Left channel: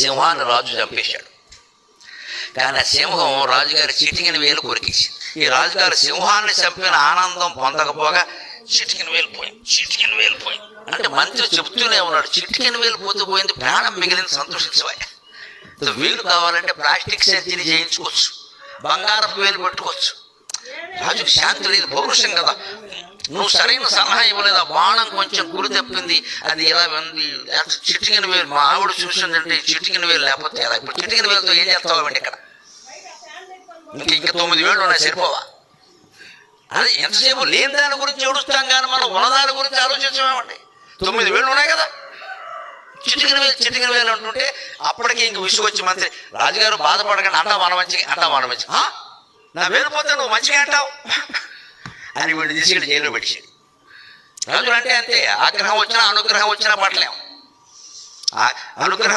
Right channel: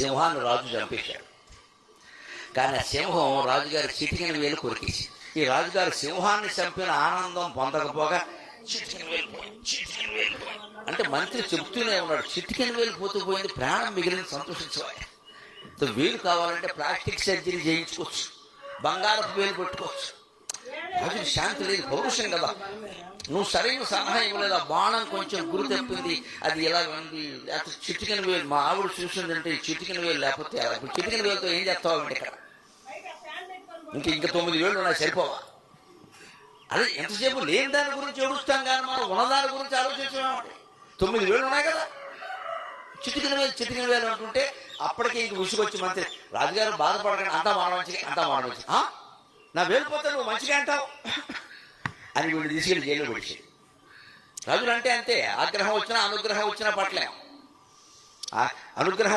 సింహాన్ని రాజు చంపేశాడు. కానీ ఆ సింహం రాజుగారి చిటికిన వేలు కొరికేసింది. ఈ రాజుగారి సింహాన్ని చంపిన ఆనందం పొందకపోగా చిటికిన వేలు పోయింది. అంటే మంత్రి చెప్తూనే ఉన్నాడు, చిటికిన వేలు పోయింది, ప్రాణం మిగిలిన సంతోషించవా. వేలు కావాలంటే ప్లాస్టిక్ సర్జరీ చేయించుకోవచ్చు, బంగారపు వేలు పెట్టుకోవచ్చు. రాజు శాంతి లేదు, పౌరుషం కదా. నువ్వు సరైన సలహా ఇవ్వలేదు, ఆ బాణం కొంచెం గురి తప్పింది, అది ఎలా ఉంది, చిటికిన వేలు మా ఆవిడ చూసిందంటే చిటికిన వేలు లేకపోతే ఎలా, ఇప్పుడు చిటికిన వేలుతో ఏం చేస్తావు ఇక్కడ, ఇంకా 9 వేలు సరిపోవా. అదే ఎంతసేపు లేని దాని గురించి ఏడుస్తాం కానీ మనం ఉన్నదాని గురించి ఆలోచించామండి. 9 వేలు ఉన్నాయి కదా, చిటికిన వేలు అంటుంటే అప్పటికి ఇంక ఉసుకొచ్చి మంత్రి రాజుగారు బాధపడగా అంటా వాడవచ్చు నా వేలు పోతే నువ్వు మంచిగా అంటావు అని వీళ్ళు తీసుకెళ్ళి జైల్లో పెట్టేది. రాజులు అంటే అంతే, ఆగ్రహం వచ్చినా అనుగ్రహం వచ్చినా పట్టలేము. అనుగ్రహం